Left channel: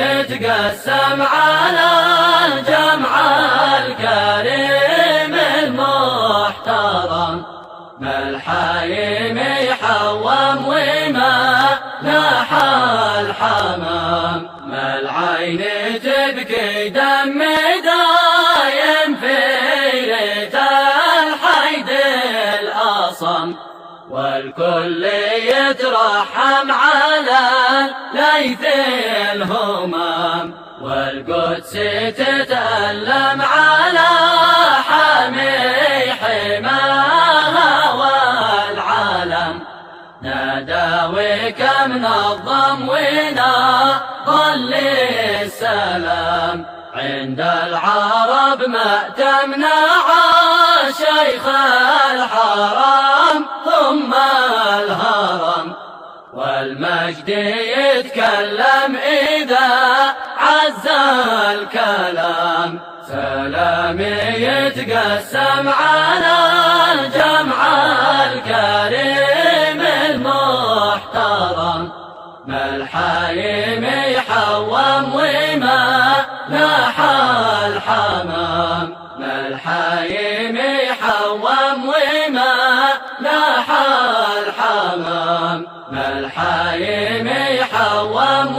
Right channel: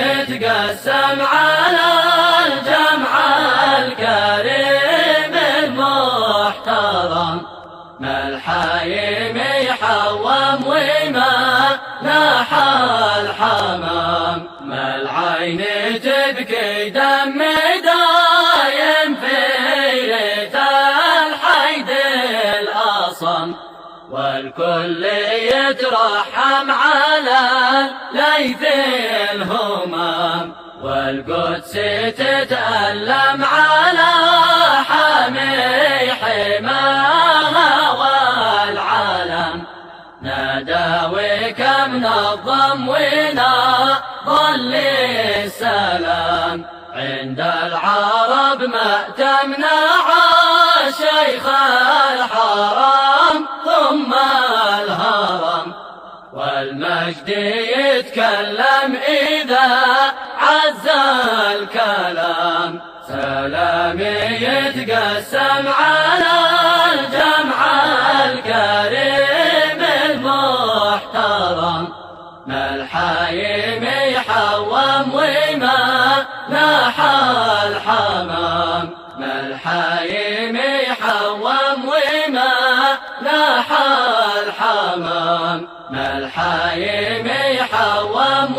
يتقسم على الجمع الكريم المحترم، ما الحايم يحوم وما لاح الحمام، ما العين تبكي دم دايم في ليت الحيد الأصم، والكل يترحم على ليث الهمام، والقدس تتألم على حامي حماها والعالم، ناداوي كم نظم ونضل السلام، عند العرب ما تمنع شيخ الحرام ثم الهرم، والمجد يتكلم إذا عز الكلام، سلامي يتقسم على الجمع الكريم المحترم، ما الحايم يحوم وما لاح الحمام، ما الحايم يحوم وما لاح الحمام، ما الحايم يحوم